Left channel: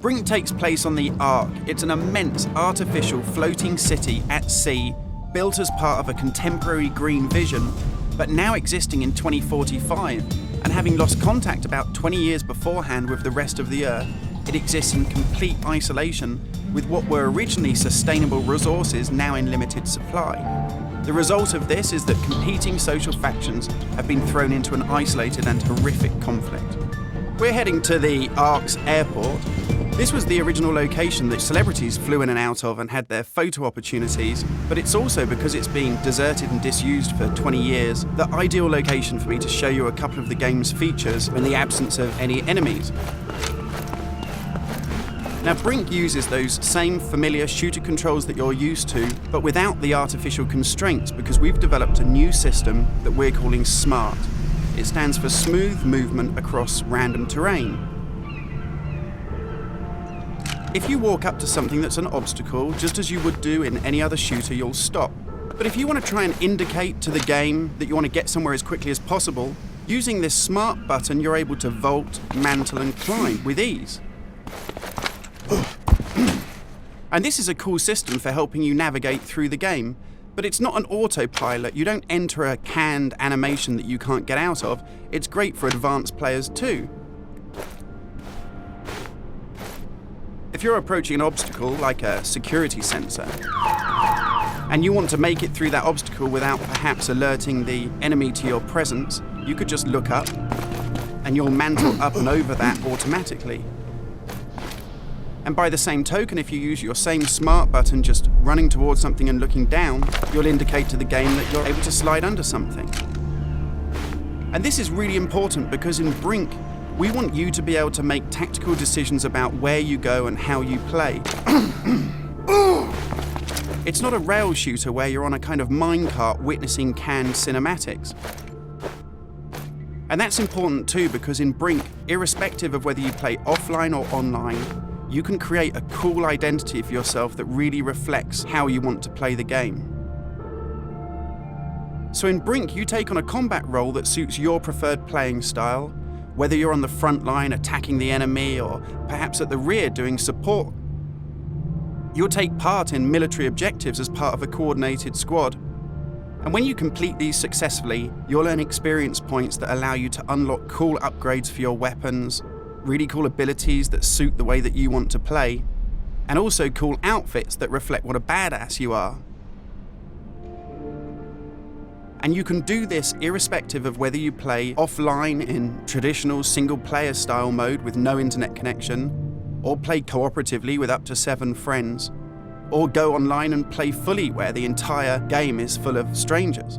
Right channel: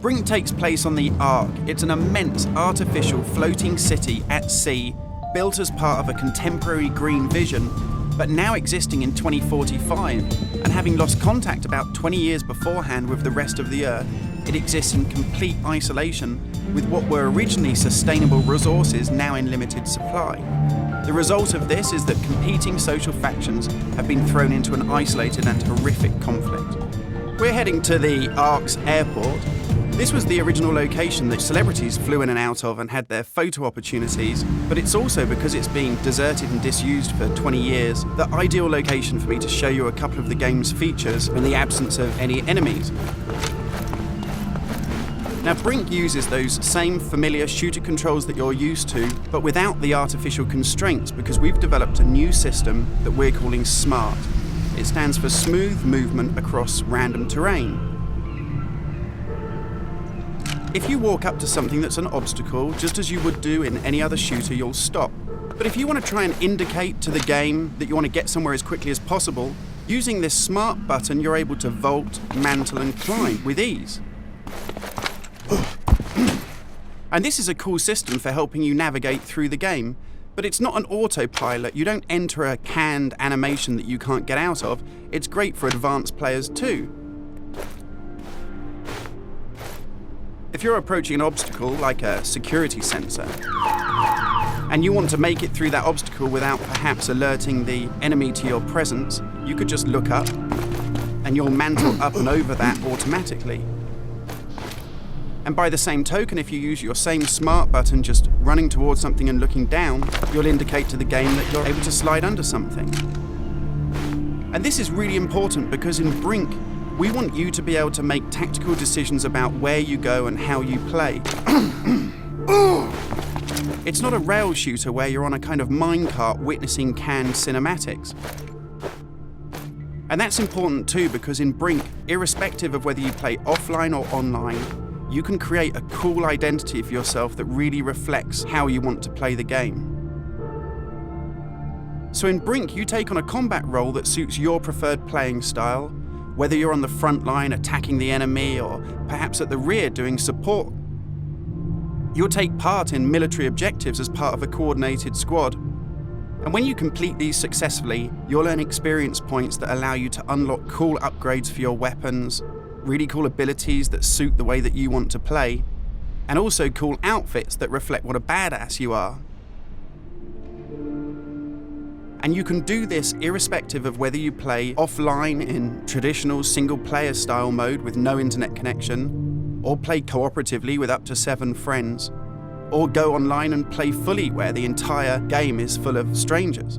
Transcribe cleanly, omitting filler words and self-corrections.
Brink takes place on the Ark. It's an immense artificial floating city at sea, built as part of a contemporary green vision, but now existing in 2045, and having lost contact about 20 years beforehand with the rest of the Earth, it exists in complete isolation, with what were originally sustainable resources now in limited supply. The result of this is that competing social factions have been thrown into an isolated and horrific conflict. We're heading to the Ark's airport. This was the original location that celebrities flew in and out of and had their photo opportunities, but it's also, because it's been deserted and disused for 20 years, the ideal location for me to show you a couple of the game's features in the absence of any enemies. Now, Brink uses those same familiar shooter controls that you're used to, but without the artificial constraints, because we've developed a new system that we're calling SMART. It stands for Smooth Movement Across Random Terrain. If you walk up to something that's an obstacle, just as you would do in any other shooter, you'll stop. But if you want to try and indicate to the game that you want to get somewhere as quickly as possible, using this SMART button, you're able to vault, mantle, and climb with ease. And this is a cool system for helping you navigate through the game, but it's not an autopilot. You don't enter a canned animation that you can't get out of. It's great for advanced players too. If you're approaching an obstacle like a security sensor, and you want to make it through that obstacle without perhaps alerting the enemy to your presence, you could just look up and you'll mantle up and over that automatically. And by the same token, if you use your same SMART button just running towards something and looking down, you'll indicate to the game that you're able to slide under something. And this is really important because in Brink, we want you to be able to make tactical decisions about where you go and how you play. It's not a rail shooter where you're on a kind of minecart witnessing canned cinematics. And that's important too, because in Brink, irrespective of whether you play offline or online, you can create a cool identity for yourself that really reflects how you want to play the game. So in Brink, you take on a combat role that suits your preferred playing style, whether you're on the front line attacking the enemy or perhaps at the rear doing support. You'll take part in military objectives as part of a coordinated squad. And when you complete these successfully, you'll earn experience points that allow you to unlock cool upgrades for your weapons, really cool abilities that suit the way that you want to play, and also cool outfits that reflect what a badass you are. And you can do this irrespective of whether you play offline in traditional single-player style mode with no internet connection, or play cooperatively with up to 7 friends, or go online and play fully where the entire game is full of strangers.